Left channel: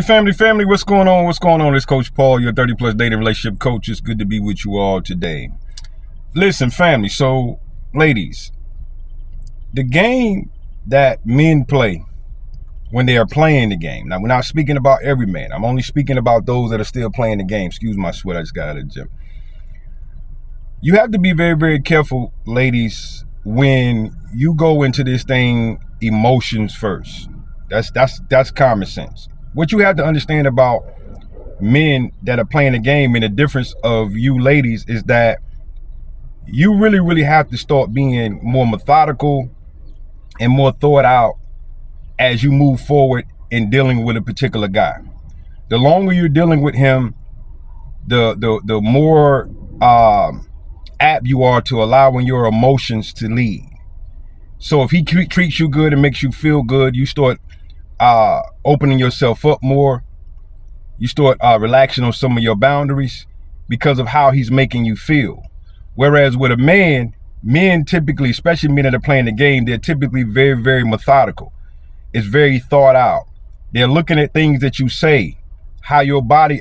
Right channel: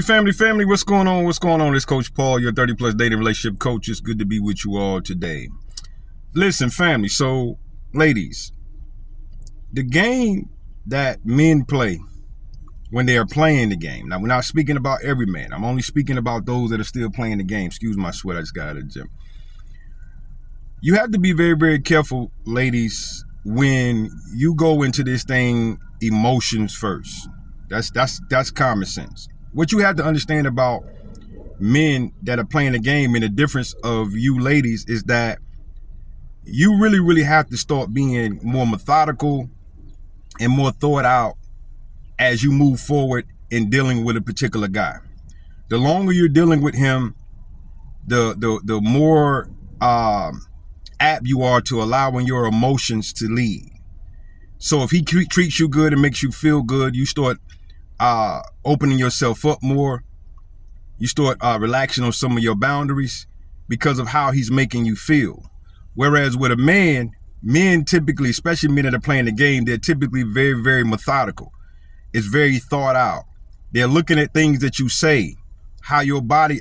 Family, what's going on? What's going on? It's Coach Paul, your 30 plus dating relationship coach. It's good to be with you all today. Listen, family, so ladies, the game that men play when they are playing the game. Now, we're not speaking about every man. I'm only speaking about those that are still playing the game. Excuse my sweat, I just got out of the gym. You have to be very, very careful, ladies, when you go into this thing emotions first. That's common sense. What you have to understand about men that are playing the game and the difference of you ladies is that you really have to start being more methodical and more thought out as you move forward in dealing with a particular guy. The longer you're dealing with him, the more apt you are to allowing your emotions to lead. So if he treats you good and makes you feel good, you start opening yourself up more. You start relaxing on some of your boundaries because of how he's making you feel. Whereas with a man, men typically, especially men that are playing the game, they're typically very, very methodical. It's very thought out. They're looking at things that you say, how your body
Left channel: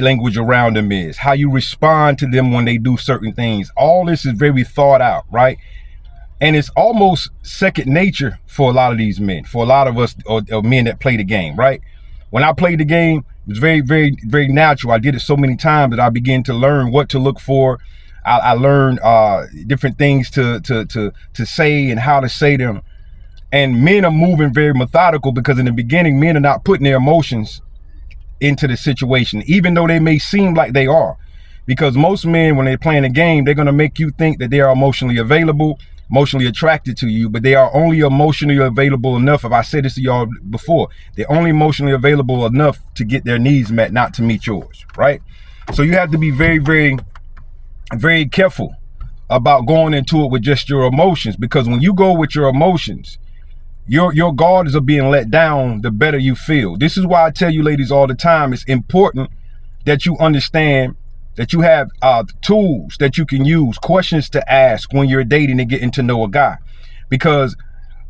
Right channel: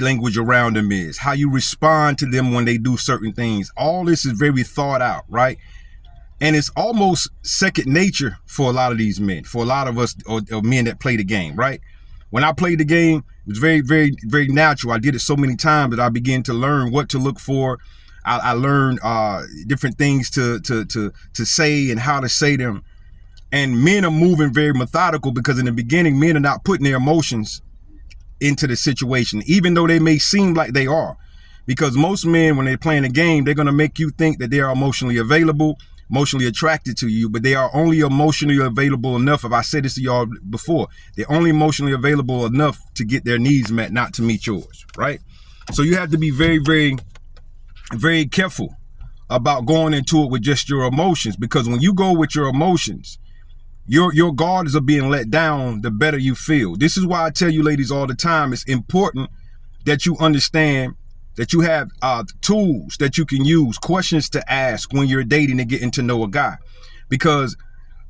language around them is, how you respond to them when they do certain things. All this is very thought out, right? And it's almost second nature for a lot of these men, for a lot of us or men that play the game, right? When I played the game, it was very, very, very natural. I did it so many times that I began to learn what to look for. I learned different things to say and how to say them. And men are moving very methodical because in the beginning, men are not putting their emotions into the situation, even though they may seem like they are. Because most men, when they're playing a game, they're going to make you think that they are emotionally available, emotionally attracted to you, but they are only emotionally available enough. If I said this to y'all before, they're only emotionally available enough to get their needs met, not to meet yours, right? So you have to be very, very, very careful about going into it with just your emotions, because when you go with your emotions, your guards are being let down the better you feel. This is why I tell you ladies all the time, it's important that you understand that you have tools that you can use, questions to ask when you're dating and getting to know a guy. Because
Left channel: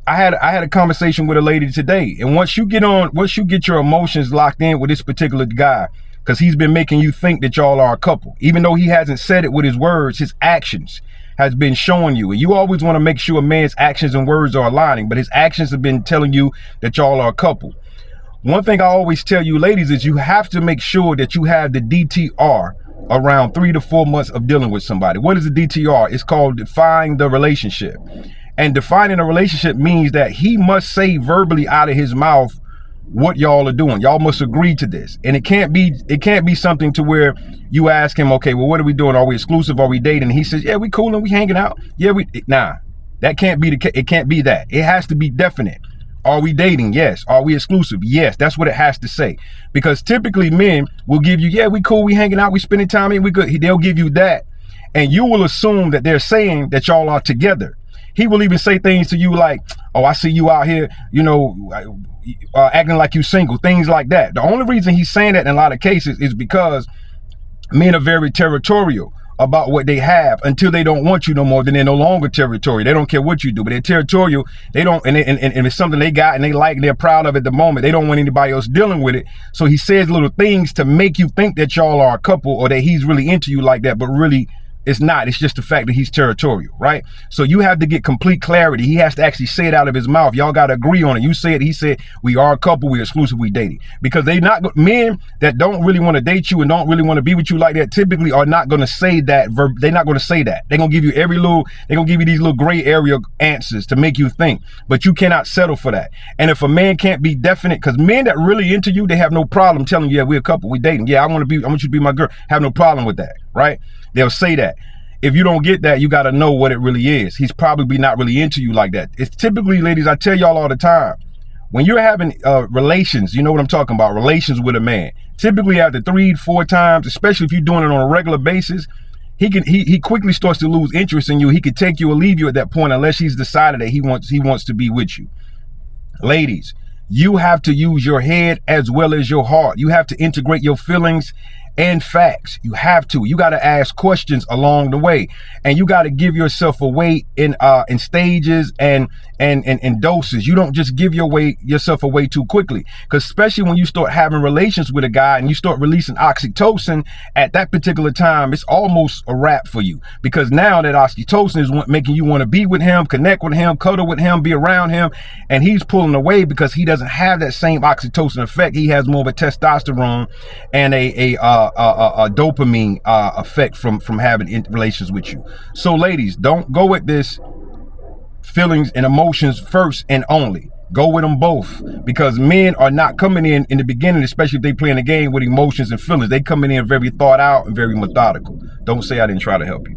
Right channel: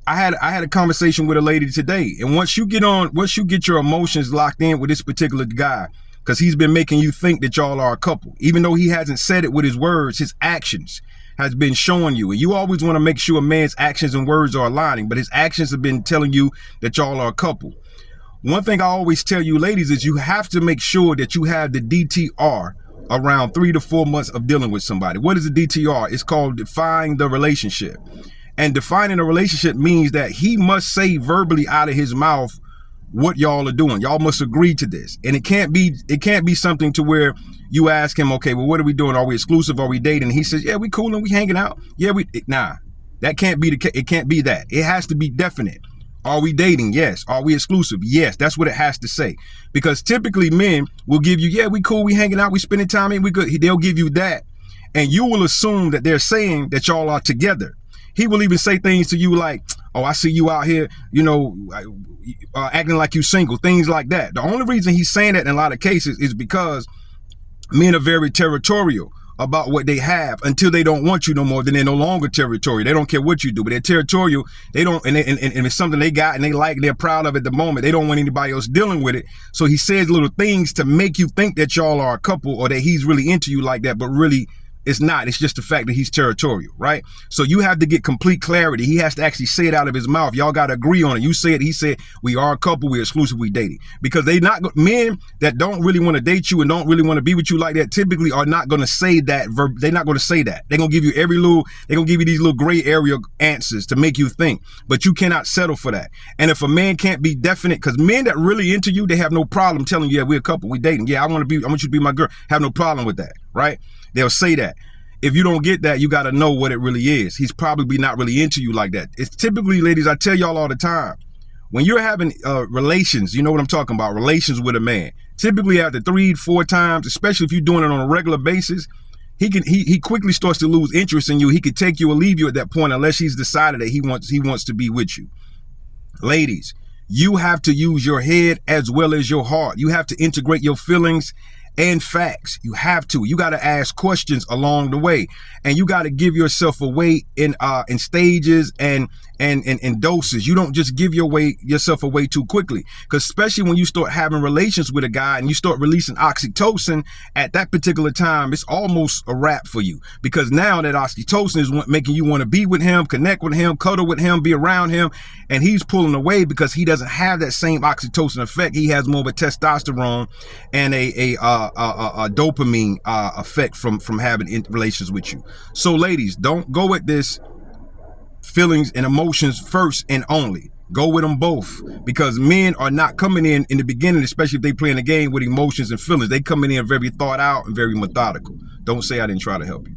I had a conversation with a lady today, and once you get your emotions locked in with this particular guy, because he's been making you think that y'all are a couple, even though he hasn't said it with his words, his actions has been showing you. And you always want to make sure a man's actions and words are aligning, but his actions have been telling you that y'all are a couple. One thing I always tell you ladies is you have to make sure that you have the DTR around 3 to 4 months of dealing with somebody. What is the DTR? It's called define the relationship. And defining a relationship means that he must say verbally out of his mouth what y'all are doing. Y'all must agree to this. And it can't be something to where you ask him, okay, well, what are we doing? Are we exclusive? Are we dating? And he says, yeah, we cool and we hanging out. Yeah, that can't be it can't be that. It has to be definite. Are we dating? Yes. Are we exclusive? Yes. That's what it has to say. Because typically men will give you, yeah, we cool, we hanging out, we spending time, and we good. They'll give you that. And you will assume that they're saying that y'all are together. He will even say things to you like, oh, I see you out here, acting like you single, things like that. The only reason he's saying that in a lot of cases is because men are very territorial about what they have until they don't want you no more. Then they're no longer territorial. They don't care what you do, but they're territorial. They don't, and it's something they got and they like, and they're proud of at the moment. They don't want anybody else dealing with it. So he says little things to make you think that y'all are a couple or that he's really into you like that, but really it's not. It's just the fact that he's territorial, right? So you have to get complete clarity. He has to actually say it out of his mouth. Y'all got to agree on it. You say it. He said, we are a couple. We're exclusive. We dating. Because men that don't really want to date you and don't really want to be with you like that typically are not going to say that. They're not going to say that. They're going to give you they're going to give you these little gray area answers to make you think, but you cannot settle for that. And if a man can't be definite, because men that really into you, they have no problem telling you, yeah, we're a couple. We dating. Yeah, I want you to be my girl. Have no problem with that, right? They'll say that. If you don't get that, you got to know what it really is. He's probably not really into you like that. It's typically, ladies, I tell y'all all the time, when you're having relations, you know what I'm talking about, relations with a man, typically after 3-4 times, especially if you're doing it on a regular basis, he quickly starts to lose interest in you. He could take you or leave you at that point unless he's decided that he wants to be with you. Ladies, you have to use your head as well as your heart. You have to integrate your feelings and facts. You have to. You got to ask questions along the way, and you got to give yourself away in stages and doses. You don't just give yourself away too quickly, because especially when you start having relations with a guy and you start releasing oxytocin at that particular time, it's almost a wrap for you, because now that oxytocin is making you want to be with him, connect with him, cuddle with him, be around him, and he's pulling away because he doesn't have that same oxytocin effect. He has more of a testosterone and a dopamine effect from having relations with you. So ladies, don't go with this feelings and emotions first and only. Go with them both, because men are not coming in the beginning, especially if they playing the game, with emotions and feelings. They coming in very thought out and very methodical. Don't say I didn't try to help you.